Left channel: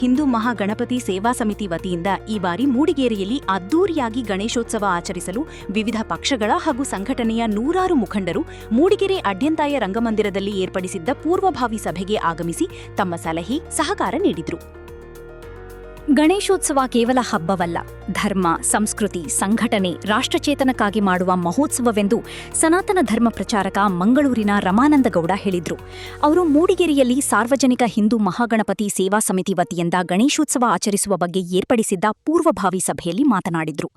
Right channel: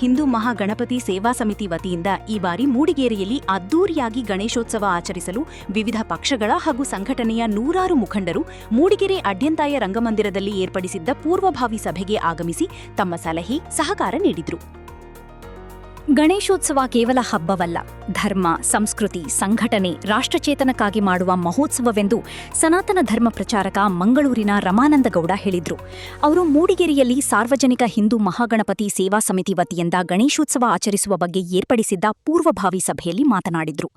ಹಿಂದೂ ಮಹಾಗಣಪತಿ ಸೇವಾ ಸಮಿತಿ ವತಿಯಿಂದ ಈ ಬಾರಿ ಮೂಡಿಗೆರೆಯಲ್ಲಿ ಅದ್ದೂರಿಯಾಗಿ ಗಣೇಶೋತ್ಸವ ಆಚರಿಸಲು ವಿವಿಧ ಪಕ್ಷಗಳ ಹಾಗೂ ಸಂಘಟನೆಯ ನೂರಾರು ಮುಖಂಡರು ಮೂಡಿಗೆರೆ ಅಡ್ಯಂತಾಯ ರಂಗಮಂದಿರದಲ್ಲಿ ಏರ್ಪಡಿಸಿದ್ದ ಪೂರ್ವಭಾವಿ ಸಭೆಗೆ ಆಗಮಿಸಿ ತಮ್ಮ ಸಲಹೆ ಸಹಕಾರ ನೀಡಿದರು. ಗಣೇಶೋತ್ಸವ ಕೇವಲ ಹಬ್ಬವಲ್ಲ, ಧರ್ಮ, ಸಂಸ್ಕೃತಿ, ಸಂಘಟನೆ, ರಾಷ್ಟ್ರಚೇತನಕ್ಕಾಗಿ ಮಾಡುವ ಮಹೋತ್ಸವವೆಂದು ಸನಾತನ ಧರ್ಮ ಪ್ರಚಾರಕ ಮಂಗಳೂರಿನ ರಮಾನಂದಗೌಡ ಹೇಳಿದರು. ಅವರು ಮೂಡಿಗೆರೆಯಲ್ಲಿ ಸಾರ್ವಜನಿಕ ಹಿಂದೂ ಮಹಾಗಣಪತಿ ಸೇವಾ ಸಮಿತಿ ವತಿಯಿಂದ ಗಣೇಶೋತ್ಸವ ಆಚರಿಸುವ ಬಗ್ಗೆ ಏರ್ಪಡಿಸಿದ್ದ ಪೂರ್ವಭಾವಿ ಸಭೆಯಲ್ಲಿ ಮಾತನಾಡಿದರು.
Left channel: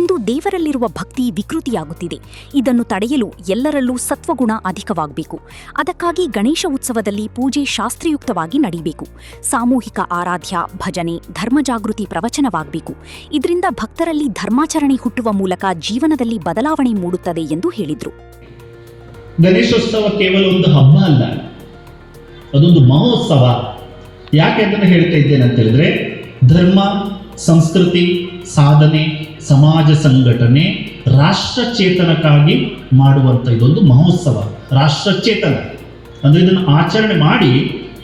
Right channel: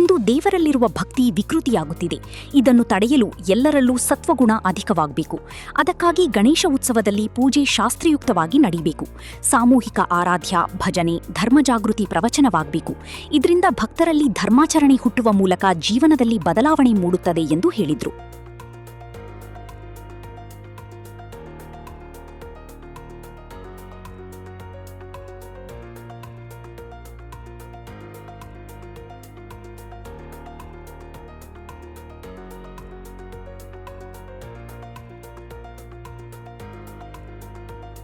ಇಂದು ದೇವರಲ್ಲಿರುವ ಭಕ್ತಿ ವಿಕೃತಿಯಾಗುತ್ತಿದೆ. ಇದನ್ನು ತಡೆಯಲು ಎಲ್ಲರಲ್ಲೂ ಸತ್ವಗುಣ ಅಧಿಕವಾಗಬೇಕು. ಅದಕ್ಕಾಗಿ ಗಣೇಶ ಉತ್ಸವದಲ್ಲಿ ಪೂಜೆ ಶಾಸ್ತ್ರಯುಕ್ತವಾಗಿ ನಡೆಯಬೇಕು. ಸಾಮೂಹಿಕ ಆರಾಧ್ಯ, ಭಜನೆ, ಧರ್ಮಜಾಗೃತಿ ಪ್ರವಚನವಾಗಬೇಕು. ಇದರಿಂದ ಭಕ್ತರಲ್ಲಿ ಧರ್ಮಾಚರಣೆ ಹುಟ್ಟುವ ಮೂಲಕ ಜೀವನದಲ್ಲಿ ಬದಲಾವಣೆ ಮೂಡುತ್ತದೆ ಎಂದು ಹೇಳಿದರು. ಗಣೇಶೋತ್ಸವ ಕೇವಲ ಒಂದು ಹಬ್ಬ ಅಲ್ಲ, ಅದೊಂದು ಮಹೋತ್ಸವ. ಯಾಕೆ ಅಂತ ಹೇಳ್ತಾ ಇದ್ದೇನೆ ಅಂತ ಹೇಳಿದ್ರೆ, ಧರ್ಮ, ಸಂಸ್ಕೃತಿ, ಸಾಧನೆ, ಸಮಾಜ ಸಂಘಟನೆ, ರಾಷ್ಟ್ರಚೇತನಕ್ಕಾಗಿ ಮಾಡುವಂಥ ಇದೊಂದು ಮಹೋತ್ಸವ. ರಾಷ್ಟ್ರಚೇತನ ಅಂದರೆ ಇದನ್ನು ಆಚರಣೆ ಮಾಡಿ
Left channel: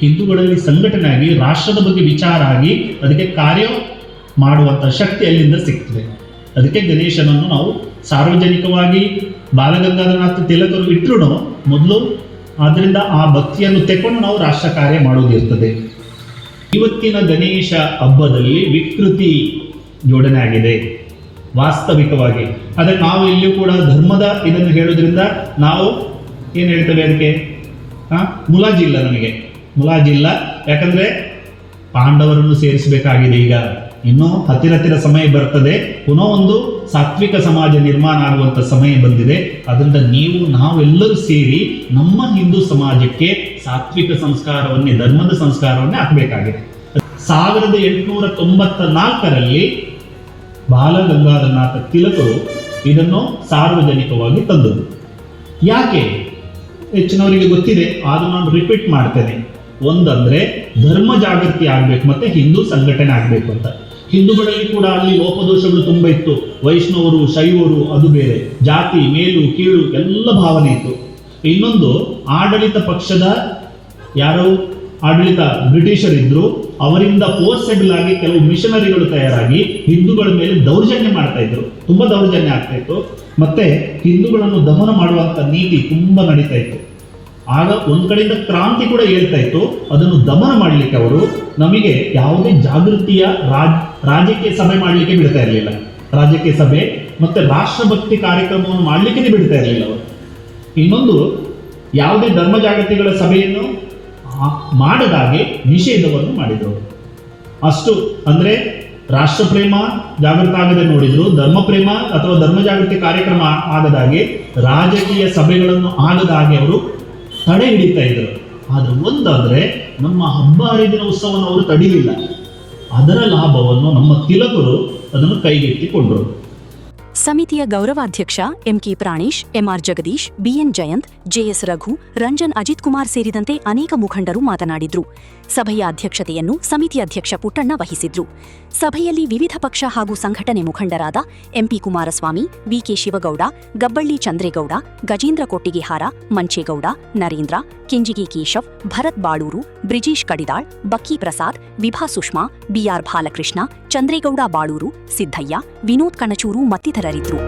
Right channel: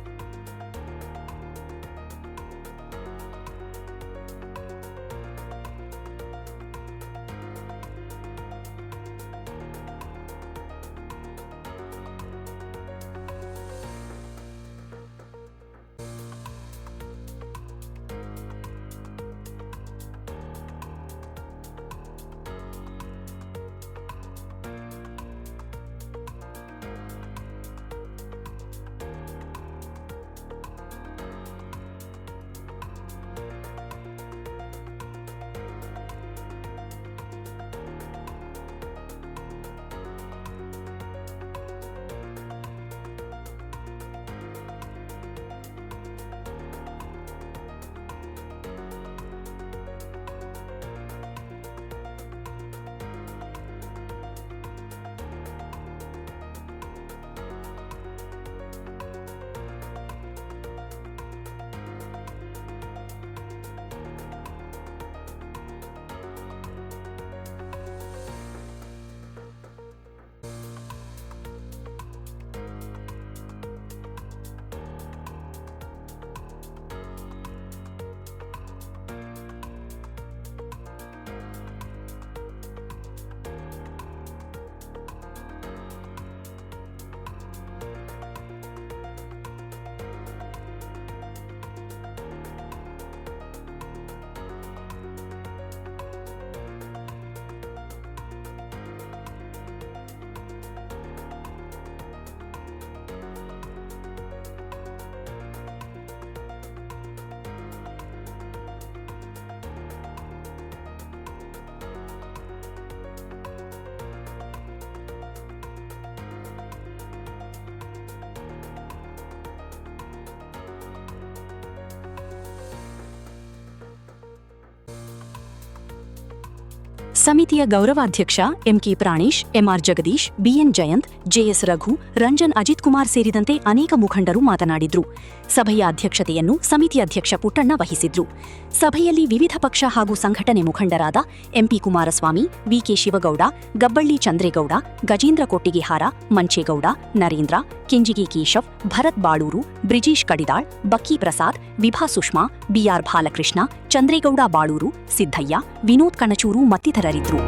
ಹಿಂದೂಗಳಲ್ಲಿ ಸಂಘಟನೆ ಆಗಿ ರಾಷ್ಟ್ರದ ಬಗ್ಗೆ ವಿಚಾರ ಆಗಿ ಅದಕ್ಕೆ ಕಾರ್ಯ ಮಾಡುವಂಥ ಶಕ್ತಿ ಅಲ್ಲಿಂದ ಸಿಗ್ತದೆ. ಅದಕ್ಕೆ ಗಣೇಶನನ್ನು ನಾವು ಸಾರ್ವಜನಿಕವಾಗಿ ಬಾಲಗಂಗಾಧರನಾಥ ತಿಲಕರು ಇಟ್ಟರು ಮೊದಲು, ಆದ್ದರಿಂದ ಆ ಭಕ್ತಿಯನ್ನು ತೆಕೊಂಡು ನಾವು ರಾಷ್ಟ್ರ ಕಾರ್ಯ ಮಾಡೋದಿರ್ತದೆ. ಇವತ್ತಿನ ಗಣೇಶ ಹಬ್ಬದಲ್ಲಿ ವಿಕೃತಿ ಜೋಡಣೆ ಆಗಿದೆ ವಾಸ್ತವಿಕವಾಗಿ. ಆದರೆ ನಾವು ಇಲ್ಲಿಯೂ ಕೂಡ ಧರ್ಮದ ಇದನ್ನು ಹೇಳೋದ್ರಿಂದ ನಾವು ಏನು ಹೇಳ್ತೇವೆ, ಅದಕ್ಕೆ ಮುಲಾಜಿಲ್ಲ, ನಮಗೆ ಮುಲಾಜಿಲ್ಲ. ಯಾಕಂದರೆ ಪಾಂಡವರನ್ನು ಸೇರಿಸಬೇಕಾಗಿದೆ. ಈಗ ಇನ್ನೂ ಹತ್ತಿರ ಸಮಯ ಬರ್ತದೆ, ಪುನಃ ಒಂದು ಸಾತ್ವಿಕ ಸಮಾಜ ನಿರ್ಮಾಣ ಆಗುವಂಥ ಸಮಯ ಬಂದಿದೆ. ಅದರಿಂದ ನಾವೆಲ್ಲರೂ ಸೇರಿ ನಮ್ಮ ಹಿಂದೂ ಸಮಾಜಕ್ಕೆ ಸಾತ್ವಿಕ ಸಂಸ್ಕಾರವನ್ನೇ, ಧರ್ಮದ ಸಂಸ್ಕಾರವನ್ನೇ ಹಾಕಬೇಕಾಗಿದೆ. 1894ರಲ್ಲಿ ಬಾಲಗಂಗಾಧರನಾಥ ತಿಲಕರು ಇದನ್ನು ಸಾರ್ವಜನಿಕವಾಗಿ ತಂದದ್ದು. ಯಾಕೆ ಹೆಚ್ಚಿನವರಿಗೆ ಗೊತ್ತಿದೆ, ಆದರೂ ನಾನು ರಿಪೀಟ್ ಮಾಡ್ತೇನೆ. ಒಂದಂದ್ರೆ ಧರ್ಮ ಜಾಗೃತಿ ಆಗಬೇಕು, ಮತ್ತೆ ಹಿಂದೂ ಸಂಘಟನೆ ಆಗಬೇಕು ಅಂತ. ಹಿಂದೂಗಳಲ್ಲಿ ಕೂಡ ಅಲ್ಲಿ ಲೋಪದೋಷಗಳು ತುಂಬ ಇತ್ತು. ವೈಷ್ಣವರು, ಶೈವರು, ಅದು ಬೇರೆ, ಜಾತಿ, ಮೇಲು ಕೀಳು ಎಲ್ಲ ಭಾವನೆ ಇತ್ತು. ಇನ್ನೊಂದು, ಆಡಳಿತ ಪಕ್ಷದ ಯಾರೋ ಆಡಳಿತ ಬ್ರಿಟಿಷರಿದ್ರು, ಅವರಿಂದ ಫೋರ್ಸೆಬಲ್ ಆಗಿ ಕೆಲವು ಮಿಷನರಿಗಳು ತಯಾರಾಗಿ ಹಿಂದೂಗಳ ಮೇಲೆ ದೌರ್ಜನ್ಯ ಮಾಡ್ತಾ ಇದ್ರು. ತುಂಬ ದೌರ್ಜನ್ಯ ಆಗ್ತಾ ಇತ್ತು. ಮತ್ತೆ ಹಿಂದೂಗಳನ್ನು ದಮನ ಮಾಡುವಂಥ ನೀತಿ ತುಂಬ ನಡೀತಾ ಇತ್ತು. ಆಗ ಒಂದು ಕಡೆಯಿಂದ ಕ್ರಾಂತಿ ಕೂಡ ಹೇಳ್ತಾ ಇತ್ತು. ಅದನ್ನು ದಮನ ಮಾಡಲಿಕ್ಕೆ ಅವರು ನಮಗೆ ಯಾವುದೇ ಜಾಗೃತಿಯ ರಾಜಕೀಯ ಸಭೆ ಮಾಡಲಿಕ್ಕೆ ಬಿಡ್ತಾ ಇರಲಿಲ್ಲ. ರಾಜಕೀಯ ಸಭೆ ಮತ್ತೆ ರಾಷ್ಟ್ರಭಕ್ತಿ ಕಾರ್ಯಕ್ರಮವನ್ನು ಮಾಡಲಿಕ್ಕೆ ಬಿಡ್ತಾ ಇರಲಿಲ್ಲ ಅವರು. ಇನ್ನೊಂದು, ಯಾವುದೇ ಧರ್ಮ ಜಾಗೃತಿಗಳ ಸಭೆಯನ್ನು ಮಾಡದಾಗೆ ನಿಷೇಧವನ್ನು ಮಾಡಿದರು. ಅಷ್ಟು ಅಂದರೆ ರಾಷ್ಟ್ರ ಪ್ರೇಮ ಜಾಗೃತ ಆಗದೆ ನೋಡಿದ್ರು, ಧರ್ಮ ಪ್ರೇಮ ಅಥವಾ ಧರ್ಮ ಜಾಗೃತಿ ಕಾರ್ಯಕ್ರಮ ಆಗದಾಗೆ, ರಾಜಕೀಯ ಸಭೆಗಳನ್ನು ಆಗದಾಗೆ ಅವರು ತಡೆ ಹಿಡಿತಾ ಇದ್ರು. ಆದರೆ ಒಂದಾದರೆ ನಮ್ಮ ಹಬ್ಬ ಹರಿದಿನ ಉತ್ಸವವನ್ನು ಅವರು ತಡಿಲಿಲ್ಲ. ಅದರ ಲಾಭವನ್ನು ನಮ್ಮ ತಿಲಕರು ಅದನ್ನು ಕೈಗೆತ್ತಿಕೊಂಡರು. ಸಮಿತಿಯ ಗೌರವಾಧ್ಯಕ್ಷ MK Pranesh, MR Jagadish, BN Jayanth, JS Raghu, Ranjan Ajith Kumar ಸೇರಿದಂತೆ ಅನೇಕ ಮುಖಂಡರು ಮಾತನಾಡಿದ್ರು. ಸಭೆಯ ಅಧ್ಯಕ್ಷತೆಯನ್ನು ಸಮಿತಿ ಅಧ್ಯಕ್ಷ ಪುಟ್ಟಣ್ಣ ವಹಿಸಿದ್ರು. ಸಭೆಯಲ್ಲಿ ವಿವಿಧ ಪಕ್ಷ ಹಾಗೂ ಸಂಘಟನೆ ಮುಖಂಡರಾದ ಎಂಪಿ ಕುಮಾರಸ್ವಾಮಿ, ವಿಕೆ ಶಿವಗೌಡ, ಗಬ್ಬಳ್ಳಿ ಚಂದ್ರೇಗೌಡ, ಗಜೇಂದ್ರ ಕೊಟ್ಟಿಗೆಹಾರ, ಮಂಚೇಗೌಡ, ನರೇಂದ್ರ, ಕೆಂಜಿಗೆ ಕೇಶವ್, ಭರತ್ ಬಾಳೂರು, ಬ್ರಿಜೀಶ್ ಕಡಿದಾಳ್, ಬಕ್ಕಿ ಪ್ರಸಾದ್, ವಿಭಾ ಸುಷ್ಮಾ, ಬಿಆರ್ ಬಾಲಕೃಷ್ಣ, ಚಂದ್ರೇಗೌಡ ಬಾಳೂರು, ಸಿದ್ದಯ್ಯ, ವಿನೋದ್ ಕಣಚೂರು ಮತ್ತಿತರರಿದ್ದರು.